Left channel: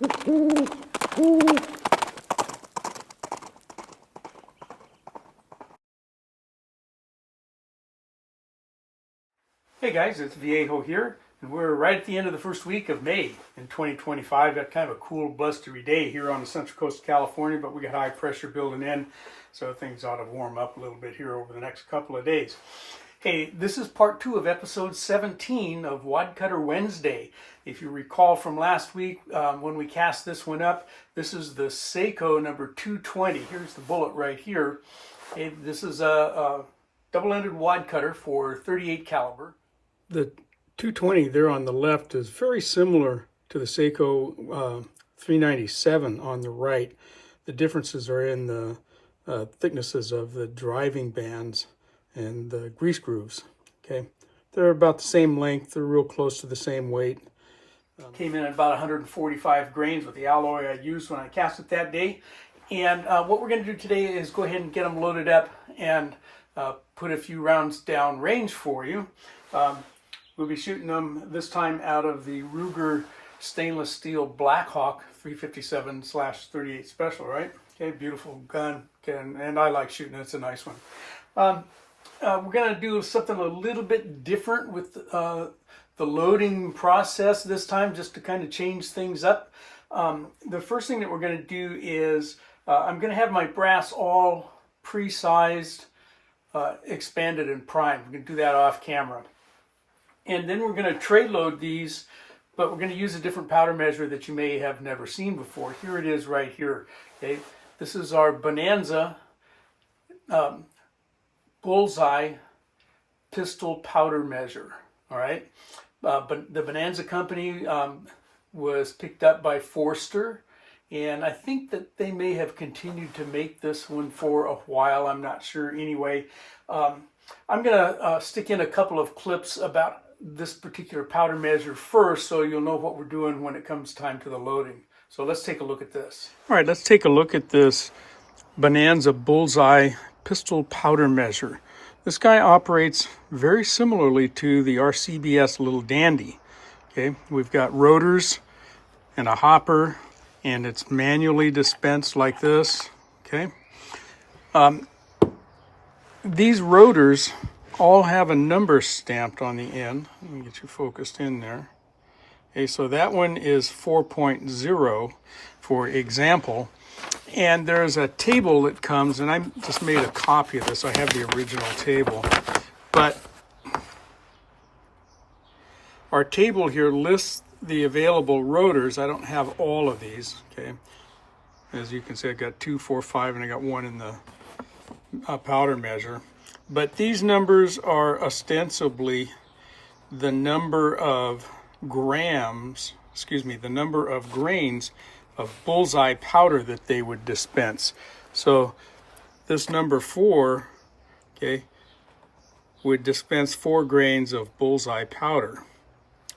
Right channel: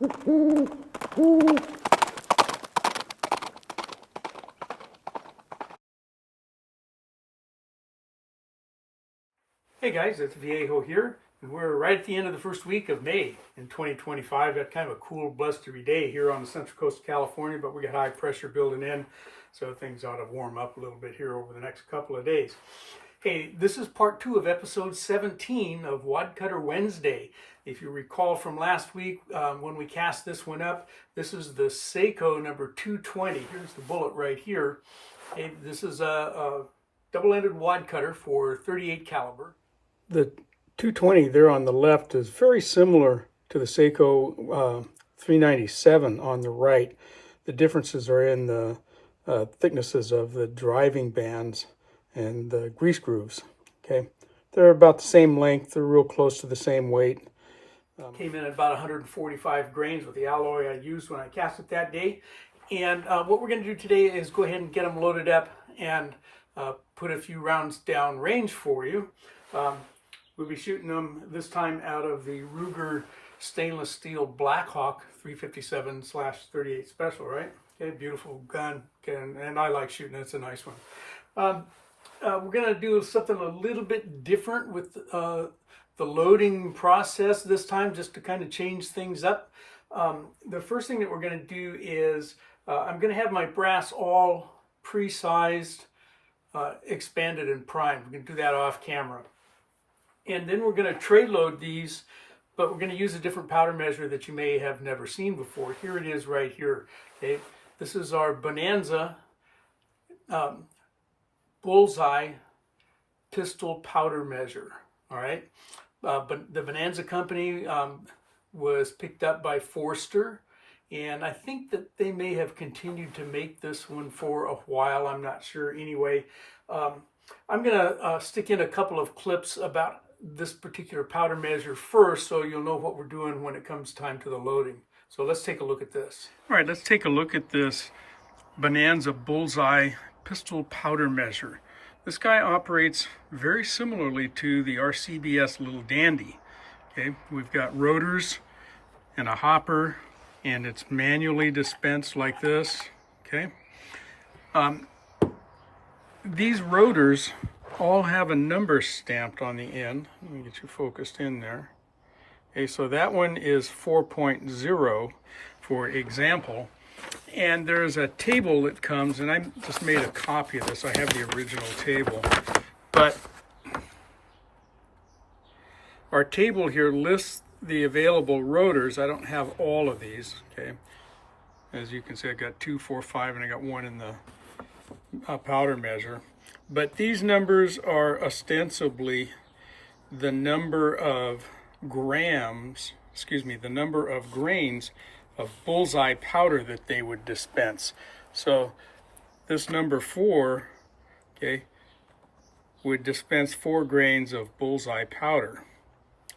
Hey guys, it's Viejo here, and we're right at the end of the first week of May in 2025. Got kind of a cool, blustery day here on the central coast of California, but we got high pressure building in, so things ought to warm up a little bit here over the next couple of days. Hey, this is part 2 of episode 17 of Wadcutter Wednesday. If you recall from last week when we cast this one up, this is the Saeco number 220. Here's the bullet right here. Hey, this is a double-ended wadcutter for 38 caliber. The 220 there on the left is very similar to the Saeco 397 on the right. The differences are in the thicknesses of the driving bands and the grease grooves. Okay, they're about the same length. They're real close to the same weight. Came in at about 145 grains with the alloy I used when I cast it that day. And what we're going to do today is go ahead and get them loaded up and put a few rounds down range for you. We'll be shooting them this time out of the Ruger stainless steel Blackhawk 357/38 special, right? Okay, beautiful gun, and I like shooting it. It's a nice one. We're going to do something a little bit different with the loading process this time, just to kind of change things up. The first thing that we're going to do is I'm going to have my brass all pre-sized, expanded and primed. We're going to do that off camera. And then we're going to tray load these, but we're going to use a different powder measure that you may have never seen before. Here it is right here. Okay, this is our Bonanza bullseye pistol powder measure. All right, but the Bonanza company was picked up by Forster, and I think that they may have continued to make this one for a while. I'm not sure. Anyway, I'm going to stick in a couple of clips about this particular powder measure first, so you'll know what we're doing when it comes time to the loading. So let's take a look at this. All right, let's take a look at this Bonanza bullseye pistol powder measure. This guy operates very similarly to the RCBS Little Dandy. Okay, we've got rotors and a hopper, and it's manually dispensed like this. Okay, these rotors all have a number stamped on the end. Let me get you focused in there. Okay, so that one is 4.0 for example. And there's a table that comes, and I just made a copy of this. I have the original table. But our table here lists the available rotors. I don't have all of these, okay? As you can see, I got 2, 4, 5, and I got one in the powder measure. But these numbers are ostensibly the number of grams, the number of grains of bullseye powder that they would dispense. So this number 4, okay, would dispense 4 grains of bullseye powder.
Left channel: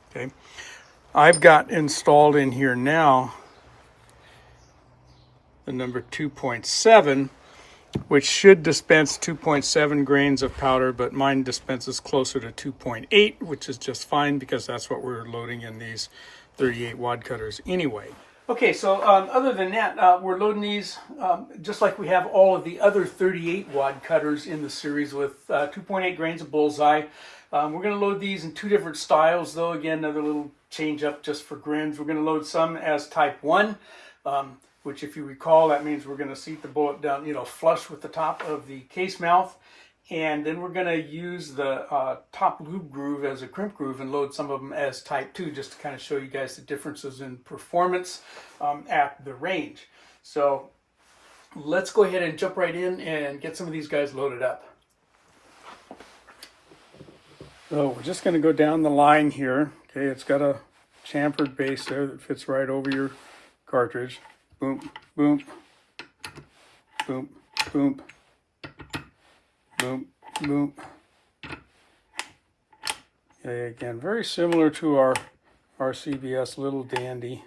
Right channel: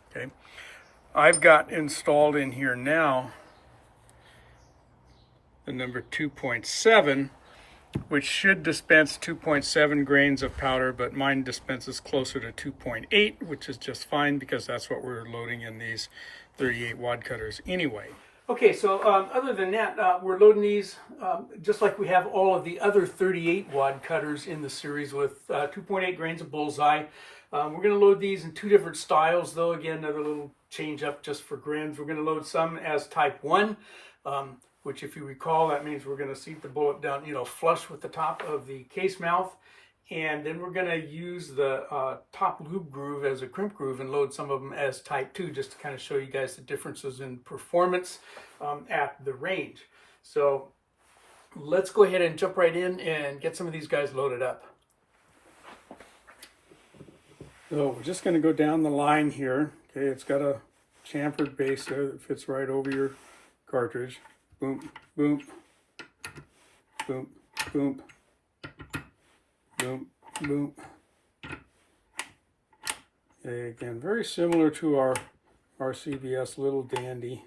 Okay, I've got installed in here now the number 2.7, which should dispense 2.7 grains of powder, but mine dispenses closer to 2.8, which is just fine because that's what we're loading in these 38 wadcutters anyway. Okay, so other than that, we're loading these just like we have all of the other 38 wadcutters in the series with 2.8 grains of bullseye. We're going to load these in 2 different styles, though. Again, another little change up just for grins. We're going to load some as type 1. Which, if you recall, that means we're going to seat the bullet down, flush with the top of the case mouth. And then we're going to use the top lube groove as a crimp groove and load some of them as type 2, just to kind of show you guys the differences in performance at the range. So let's go ahead and jump right in and get some of these guys loaded up. So we're just going to go down the line here. Okay, it's got a chamfered base there that fits right over your cartridge. Boom, boom, boom, boom, boom, boom. Okay, again, very similar to our RCBS Little Dandy.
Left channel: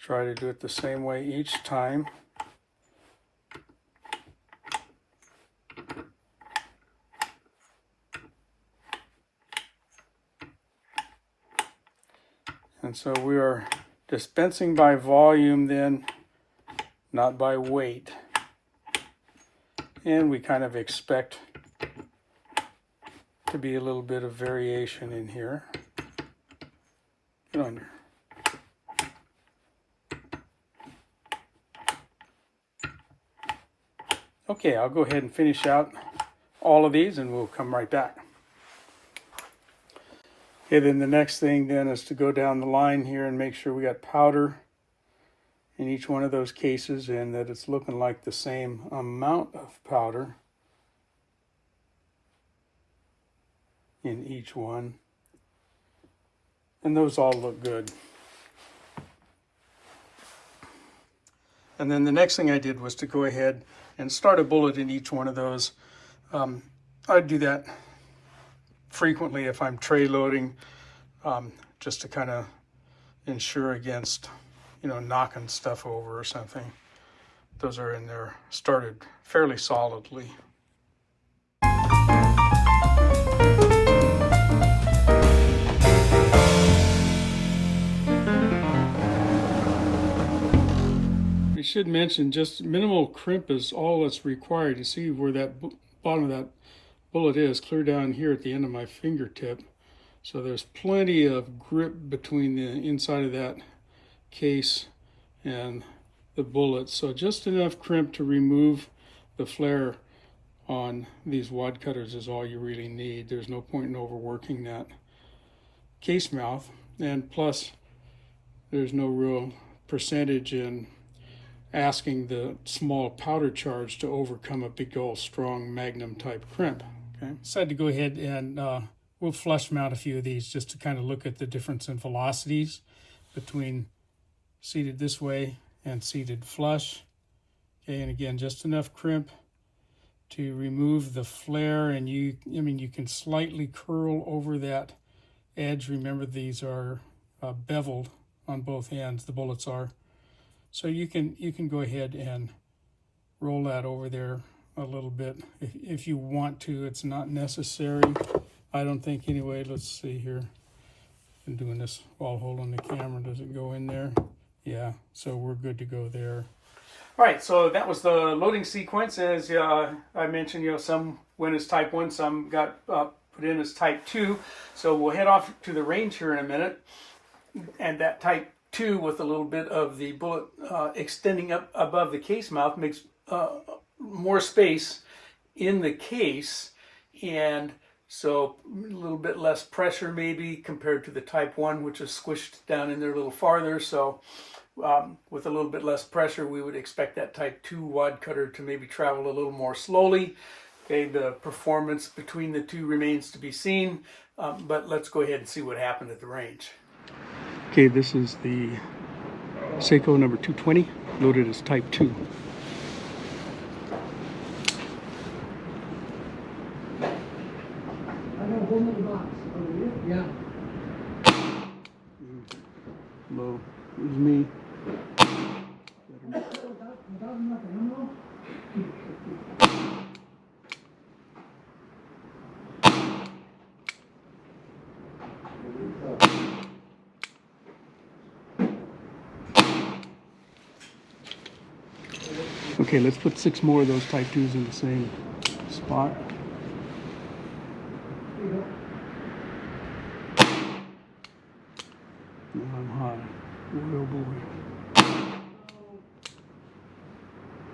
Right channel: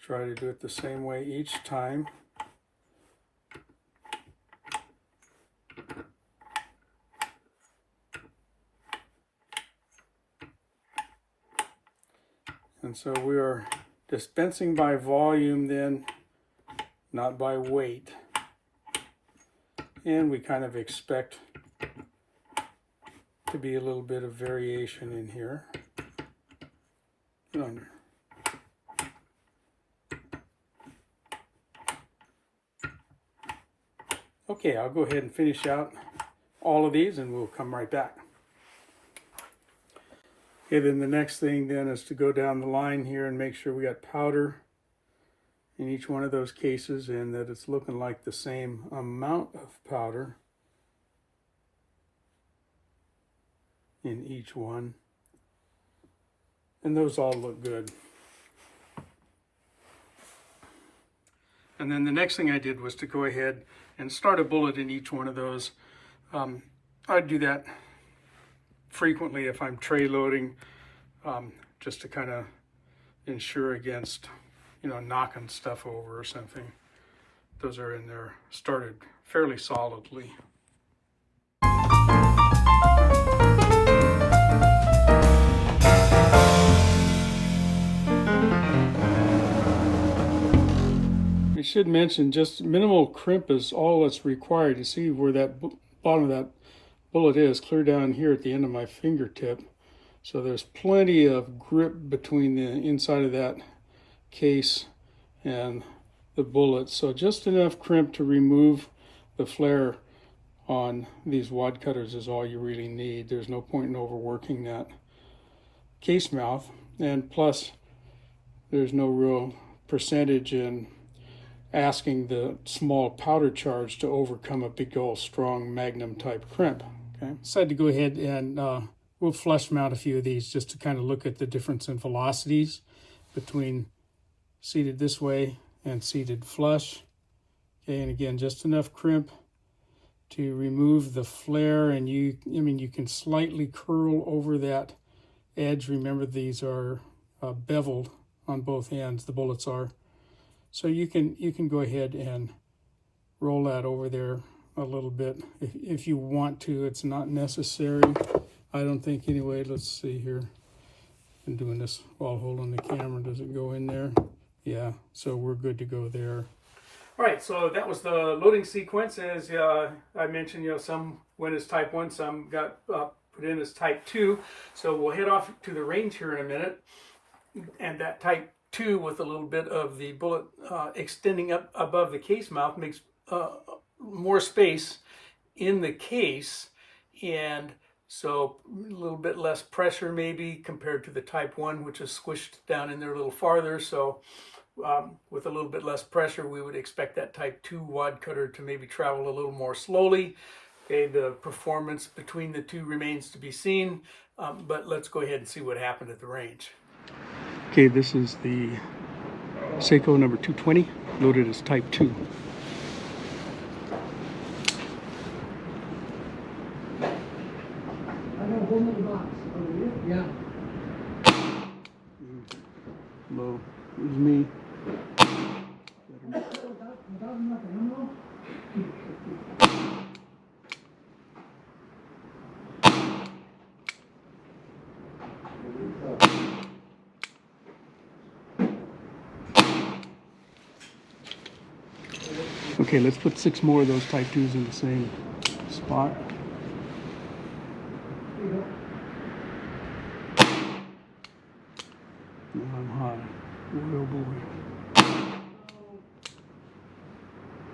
Try to do it the same way each time. And so we are dispensing by volume then, not by weight. And we kind of expect to be a little bit of variation in here. Get on there. Okay, I'll go ahead and finish out all of these and we'll come right back. Okay, then the next thing then is to go down the line here and make sure we got powder in each one of those cases and that it's looking like the same amount of powder in each one. And those all look good. And then the next thing I did was to go ahead and start a bullet in each one of those. I'd do that frequently if I'm tray loading, just to kind of ensure against, knocking stuff over or something. Those are in there, started fairly solidly. I should mention just minimal crimp is all that's required. You see where that bottom of that bullet is, clear down here at the end of my fingertip. So there's plenty of grip between the inside of that case and the bullet. So just enough crimp to remove the flare on these wad cutters is all you really need. There's no point in overworking that case mouth. And plus, there's no real percentage in asking the small powder charge to overcome a big old strong magnum type crimp. Okay, decided to go ahead and we'll flush mount a few of these just to kind of look at the difference in velocities between seated this way and seated flush. Okay, and again, just enough crimp to remove the flare, and you can slightly curl over that edge. Remember, these are beveled on both ends, the bullets are. So you can go ahead and roll that over there a little bit if you want to. It's not necessary, I don't think, anyway. Let's see here. Been doing this while holding the camera. Does it go in there? Yeah, so we're good to go there. All right, so that was the loading sequence. As I mentioned, some went as type 1, some got put in as type 2. So we'll head off to the range here in a minute. And that type 2 with a little bit of the bullet extending up above the case mouth makes more space in the case, and so a little bit less pressure maybe compared to the type 1, which is squished down in there a little farther. So with a little bit less pressure, we would expect that type 2 wad cutter to maybe travel a little more slowly. Okay, the performance between the two remains to be seen, but let's go ahead and see what happened at the range. Okay, this is the Saeco number 220, loaded as type 2. I got one in the box. Over here? Yeah. Low. It was me. Okay, let's put 6 more of those type 2s in the same spot. Now I'm high. Boy, oh boy.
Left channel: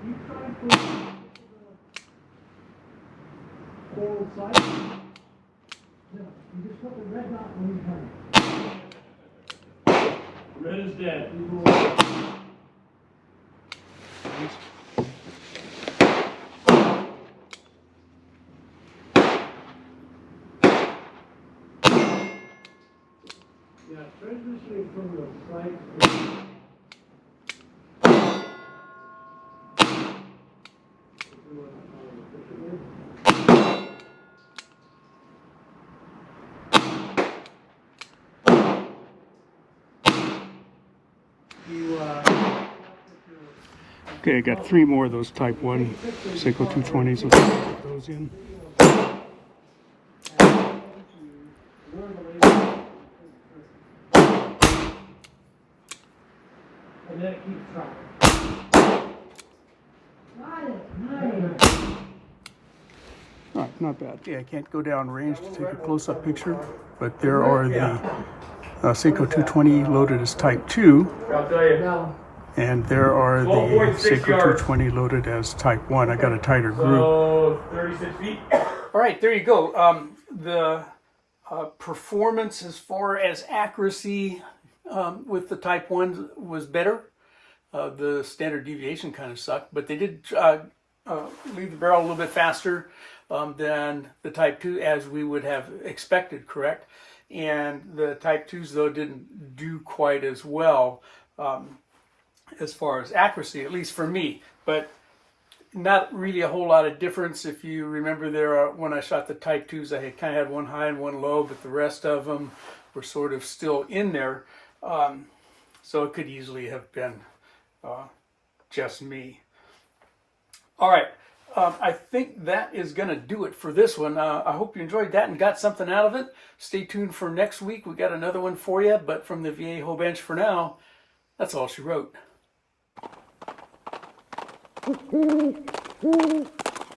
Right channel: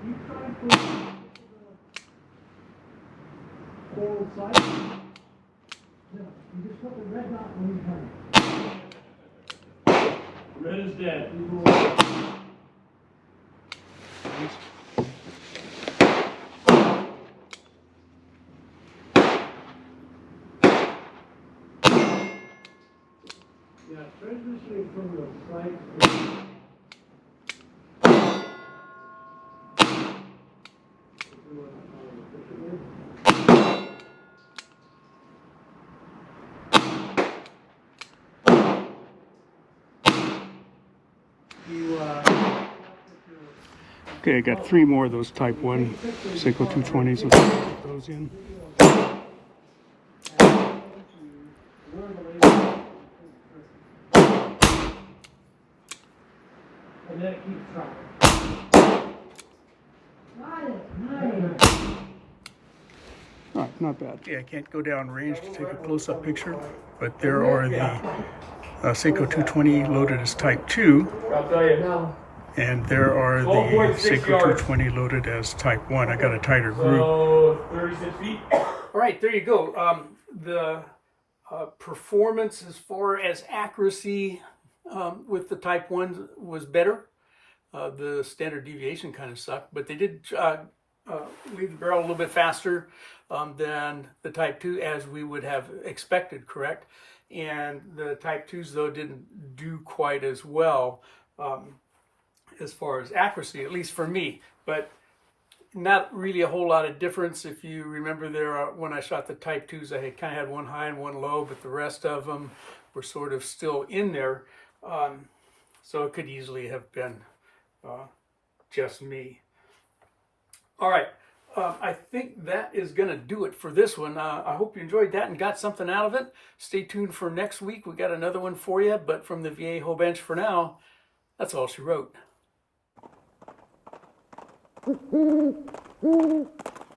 You try and put the coral side. No, you just put the red dot when you come. Red is dead. Yeah, transitioning from the side. Okay, I got 3 more of those type 1 Saeco 220s. So let's put those in. Keep trying. Got it. Nice. All right, not bad. Yeah, I can't go down range to take a close-up picture, but there are the Saeco 220 loaded as Type 2, I'll tell you. No. and there are the 12.6 Saeco yards. 220 loaded as Type 1. I got a tighter group. So 36 feet. All right, there you go. The performance as far as accuracy with the Type 1 was better. The standard deviation kind of sucked, but they did leave the barrel a little bit faster than the Type 2 as we would have expected, correct? And the Type 2s, though, didn't do quite as well as far as accuracy, at least for me. But not really a whole lot of difference. If you remember there, when I shot the Type 2s, I kind of had one high and one low, but the rest of them were sort of still in there. So it could easily have been just me. All right. I think that is going to do it for this one. I hope you enjoyed that and got something out of it. Stay tuned for next week. We got another one for you, but from the Viejo bench for now, that's all she wrote.